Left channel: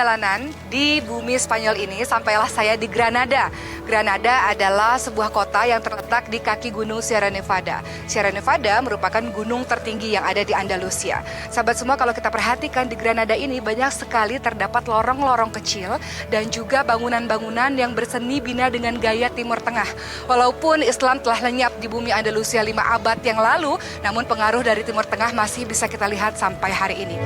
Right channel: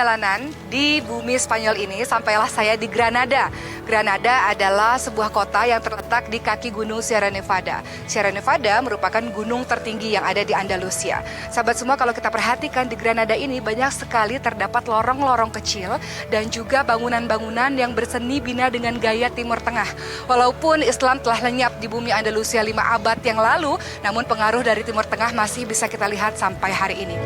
perjalanan di bumi Spanyol ini, sampailah saya di Granada. Granada adalah sebuah kota yang terletak di kaki gunung Sierra Nevada. Sierra Nevada merupakan gunung tertinggi yang ada di Andalusia. Sahabat semua, kalau kita perhatikan di Granada ini banyak sekali terdapat lorong-lorong kecil dan juga bangunan-bangunan yang berseni bina dengan gaya Timur Tengah. Walaupun Islam telah lenyap di bumi Andalusia 5 abad yang lalu, namun pengaruh dari Timur Tengah masih bisa kita lihat sampai hari ini.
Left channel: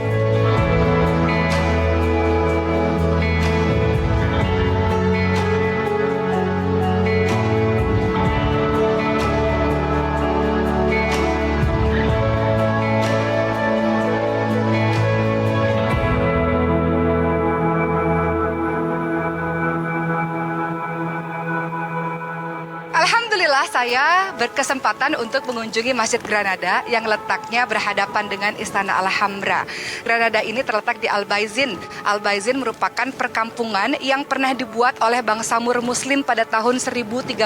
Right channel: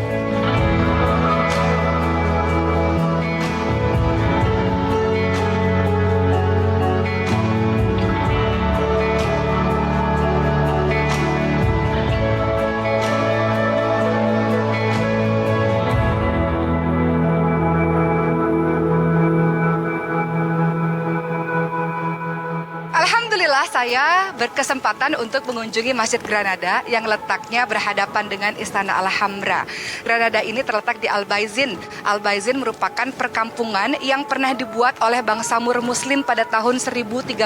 Alhamdulillah saya berkesempatan untuk mengunjungi Masjid Granada yang letaknya berhadapan dengan Istana Alhambra. Granada ini terletak di Albaicin. Albaicin merupakan perkampungan yang pernah dibuat oleh bangsa Moor Muslim pada tahun 1013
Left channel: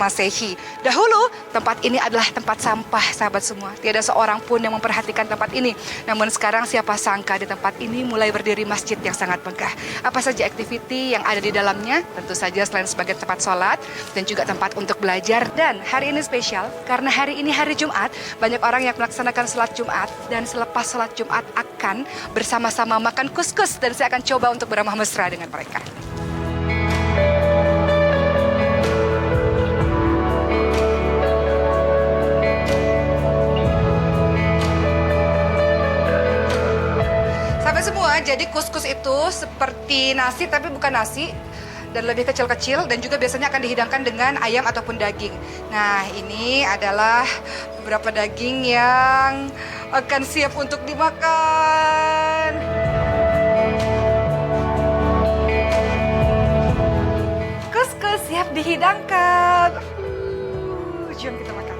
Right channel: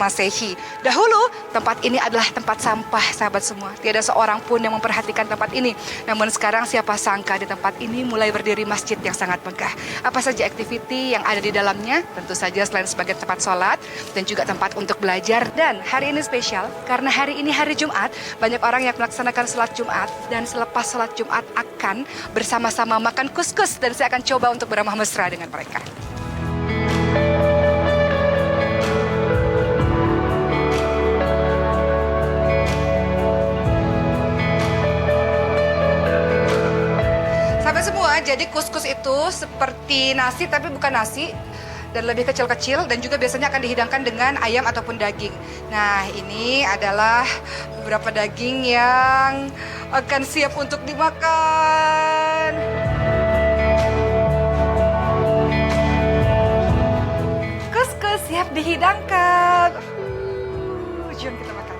Masehi. Dahulu tempat ini adalah tempat sampah, sahabat semua. Tiada seorang pun yang memperhatikan tempat ini. Namun sekarang siapa sangka di tempat ini mulai berdiri masjid yang sangat megah. Apa saja aktiviti yang ada di dalamnya? Tentu saja selain sebagai tempat sholat dan juga tempat untuk belajar. Dan hari ini spesial karena hari ini hari Jumat, banyak orang yang melaksanakan sholat Jumat, dan selepas sholat Jumat akan bersama-sama makan kuskus, dan saya akan coba untuk beramah mesra dengan mereka. Sahabat semua, jadi kuskus itu seperti nasi tapi bukan nasi, dan lebih kecil-kecil, dan juga biasanya akan dihidangkan dengan ayam ataupun daging. Nah, ini adalah beberapa daging yang akan siap untuk dimakan. Kuskus siap dihidangkan. Jom kita makan.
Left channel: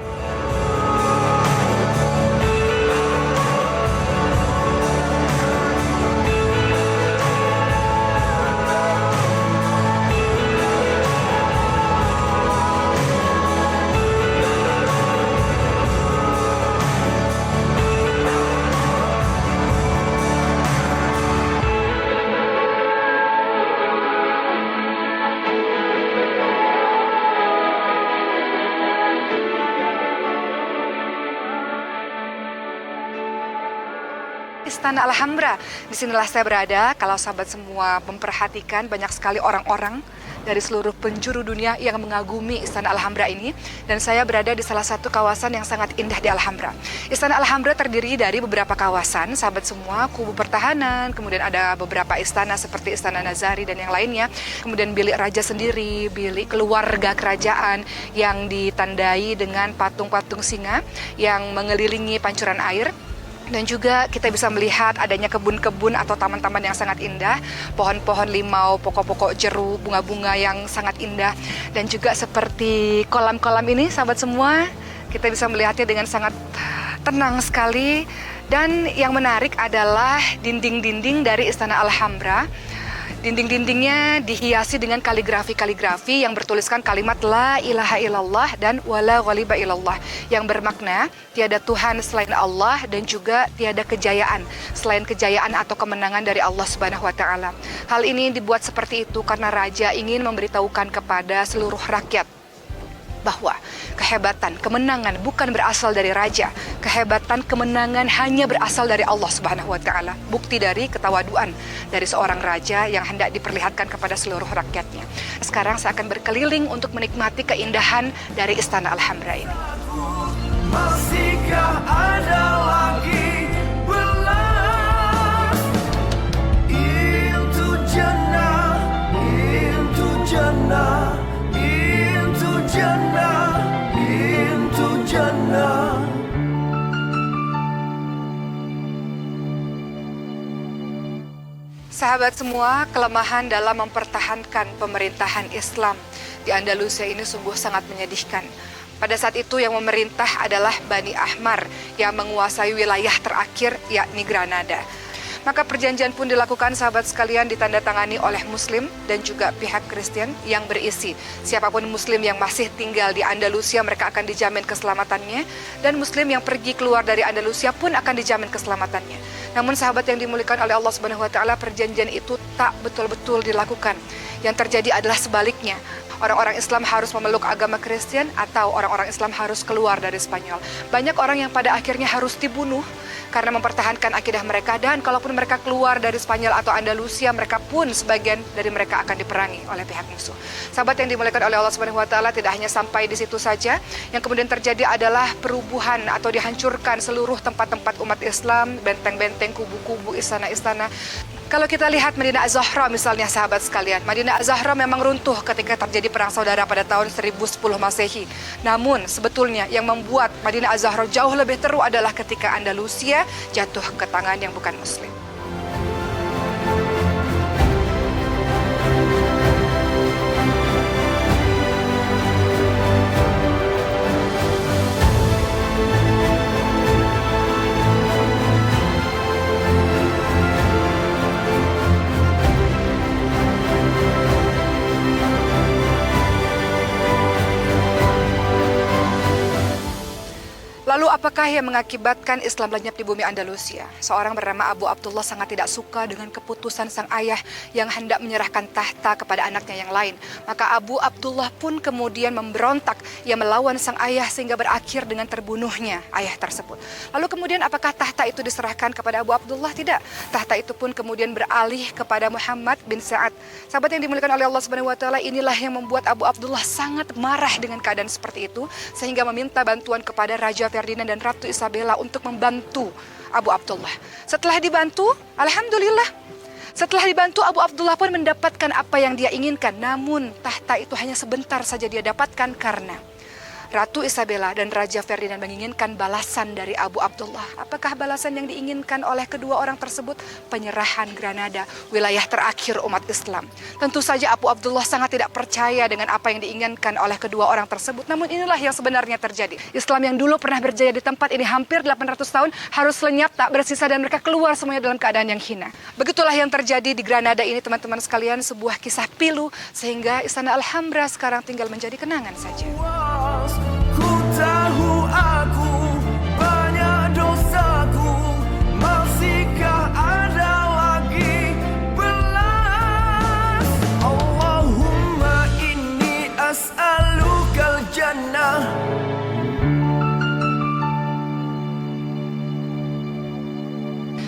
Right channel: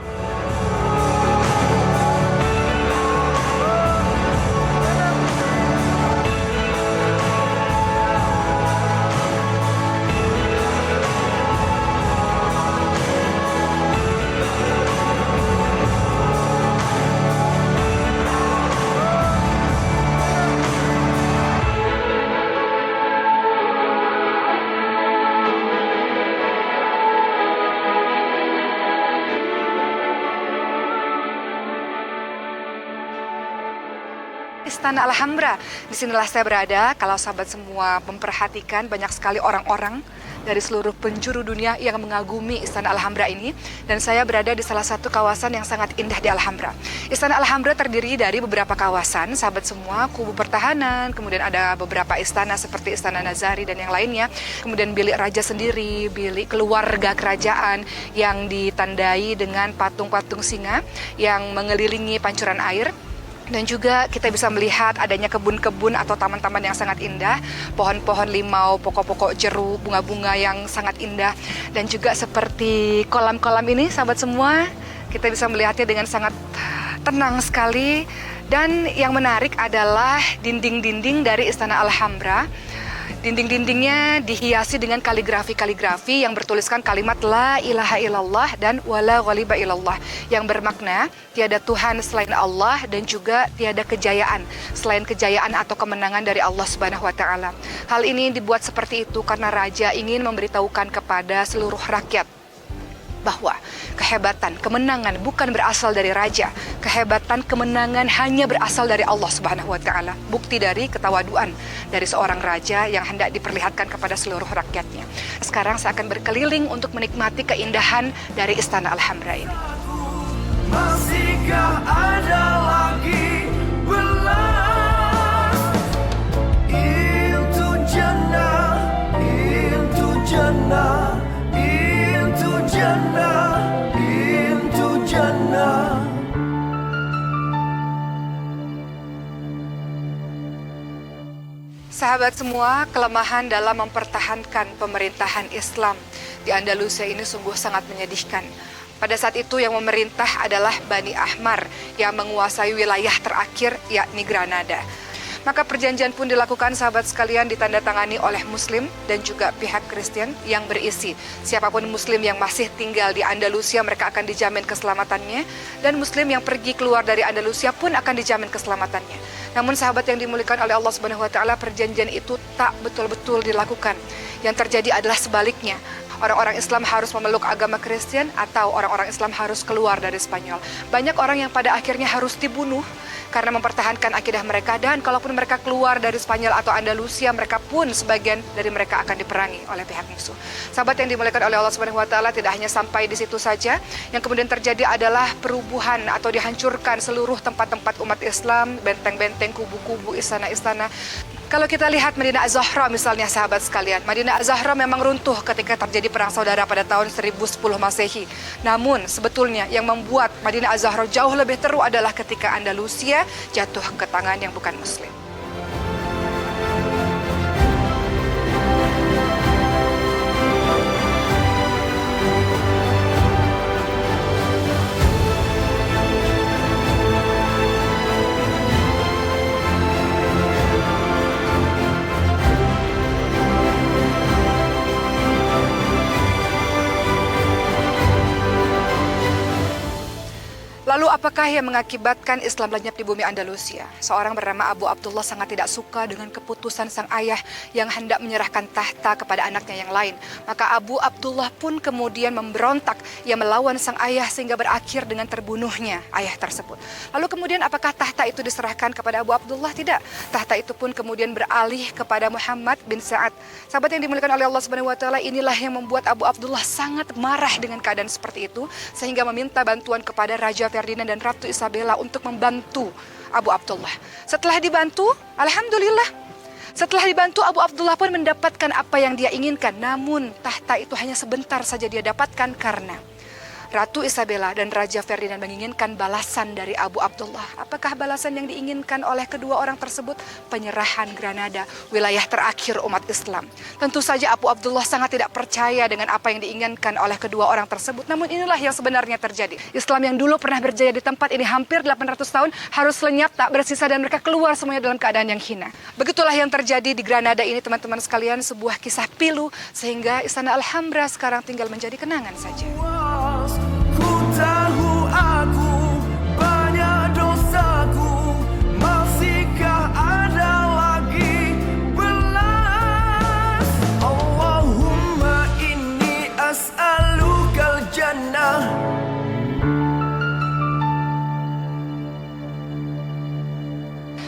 Istana Alhambra. Disinilah saya berada. Kalau sahabat semua memperhatikan, banyak sekali orang-orang dari seluruh penjuru dunia yang mengagumi Istana Alhambra ini. Dan saya berada di salah satu kawasan yang sangat indah di Alhambra. Istana Alhambra terdiri dari beberapa kawasan, sahabat semua, kubu pertahanan, kemudian ada beberapa istana seperti Istana Nazari dan yang lainnya. Kemudian bilik raja sendiri, bilik keluarga kerajaan yang ditandai dengan patung-patung singa yang mengelilingi pancuran air. Dan juga kita bisa melihat adanya kebun-kebun atau taman-taman yang sangat indah, pohon-pohon limau, pokok-pokok jeruk, bunga-bunga yang sangat indah. Dan juga seperti kolam-kolam ini, sahabat semua, kita bisa melihatnya dengan sangat tenang sekali. Dan yang menarik adalah dinding-dinding dari Istana Alhambra. Dinding-dindingnya dihiasi dengan kaligrafi-kaligrafi yang bertuliskan kalimat La ilaha illallah dan Wala ghaliba illallah, yang bermakna tiada Tuhan selain Allah dan juga tiada kejayaan selain kejayaan atau kemenangan dari Allah Subhanahu wa Ta'ala. Hal ini dibuat seperti itu karena raja ingin memberitahukan kepada seluruh rakyat bahwa kehebatan, kemenangan bukan berasal dari raja. Kehebatan, kemenangan hanya berasal dari Allah Subhanahu wa Ta'ala. Bukti dari ketawaduan dari seorang raja yang hendak diperlihatkan kepada seluruh rakyatnya. Sekarang saya akan berkeliling untuk menikmati keindahan dari Istana Alhambra ini. Masihkah ada lagi belas? Into Jannah, into Jannah, into Jannah, into Jannah. Sahabat semua, kelemahan dalam mempertahankan pemerintahan Islam di Andalusia ini sungguh sangat menyedihkan. Pada saat itu yang memerintah adalah Bani Ahmar yang menguasai wilayah terakhir, yakni Granada. Maka perjanjian pun dilakukan, sahabat sekalian, ditandatangani oleh Muslim dan juga pihak Kristen yang berisi siapapun Muslim yang masih tinggal di Andalusia, mereka akan dijamin keselamatannya, dan Muslim yang pergi keluar dari Andalusia pun akan dijamin keselamatannya. Namun sahabat yang dimuliakan oleh Allah Subhanahu wa taala, perjanjian itu tak betul-betul dilakukan. Yang terjadi adalah sebaliknya. Orang-orang Islam harus memeluk agama Kristen atau orang-orang Islam harus keluar dari Spanyol. Banyak orang yang pada akhirnya harus dibunuh karena mempertahankan akidah mereka, dan kalaupun mereka keluar dari Spanyol atau Andalusia, mereka pun sebagian dari mereka akan diperangi oleh pihak musuh. Sahabat yang dimuliakan oleh Allah Subhanahu wa taala, tidak hanya sampai di situ saja. Yang kemudian terjadi adalah perubuhan atau dihancurkan seluruh tempat-tempat umat Islam, benteng-benteng, kubu-kubu, istana-istana. Kalau kita lihat Madinah Az-Zahra misalnya sahabat sekalian, Madinah Az-Zahra memang runtuh ketika terjadi perang saudara pada tahun 1010 Masehi. Namun sebetulnya yang membuat Madinah Az-Zahra jauh lebih teruk adalah ketika Andalusia jatuh ke tangan yang bukan muslim. Lalu apakah yang mengakibatkan Islam lenyap di bumi Andalusia? Seorang bernama Abu Abdullah sangat tidak suka dengan keputusan sang ayah yang hendak menyerahkan tahta kepada anaknya yang lain. Maka Abu Abdullah pun kemudian memberontak. Ia melawan sang ayah sehingga berakhir dengan terbunuhnya ayah tersebut. Lalu kemudian apakah tahta itu diserahkan kepada Abu Abdullah? Tidak. Tahta itu pun kemudian beralih kepada Muhammad bin Sa'ad. Sahabat yang dimuliakan oleh Allah Subhanahu wa taala, inilah yang membuat Abu Abdullah sangat marah dengan keadaan seperti itu sehingga meminta bantuan kepada Raja Ferdinand dan Ratu Isabella untuk membantu Abu Abdullah. Setelah dibantu, alhamdulillah. Setelah dibantu, Abu Abdullah pun mendapatkan apa yang dia inginkan. Namun tahta itu hanya sebentar saja dia dapatkan karena Ratu Isabella dan Raja Ferdinand menginginkan balasan dari Abu Abdullah. Apakah balasan yang diinginkan oleh kedua orang tersebut? Penyerahan Granada, wilayah terakhir umat Islam. Tentu saja Abu Abdullah sangat tidak percaya dengan apa yang diinginkan oleh kedua orang tersebut. Namun inilah yang sebenarnya terjadi. Islam yang dulu pernah berjaya di tempat ini hampir 800 tahun harus lenyap, tak bersisa, dan mereka keluar semuanya dalam keadaan yang hina. Begitulah yang terjadi di Granada ini teman-teman sekalian, sebuah kisah pilu sehingga Istana Alhambra sekarang tinggal menjadi kenangan saja. Ku tahu aku banyak dosaku, masihkah ada lagi belas? Allahumma inni as'alukal jannah.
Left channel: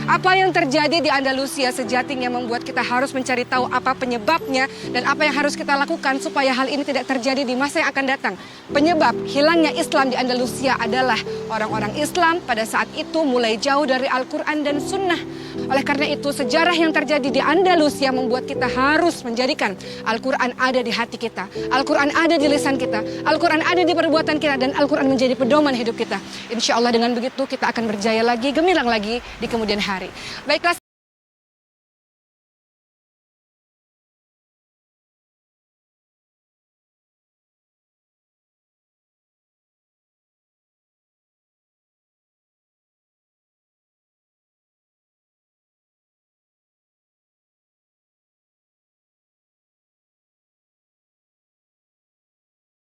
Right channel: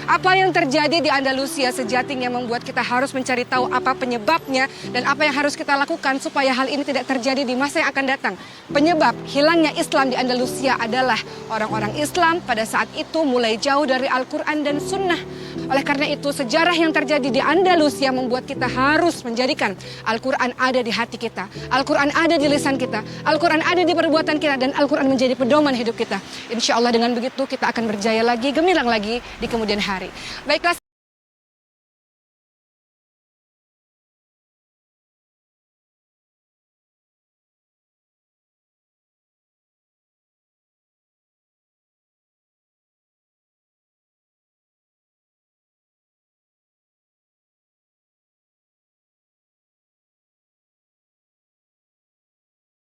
Apa yang terjadi di Andalusia sejatinya membuat kita harus mencari tahu apa penyebabnya dan apa yang harus kita lakukan supaya hal ini tidak terjadi di masa yang akan datang. Penyebab hilangnya Islam di Andalusia adalah orang-orang Islam pada saat itu mulai jauh dari Al-Quran dan Sunnah. Oleh karena itu, sejarah yang terjadi di Andalusia membuat kita harus menjadikan Al-Quran ada di hati kita, Al-Quran ada di lisan kita, Al-Quran ada di perbuatan kita, dan Al-Quran menjadi pedoman hidup kita. Insya Allah dengan begitu kita akan berjaya lagi, gemilang lagi di kemudian hari. Baiklah.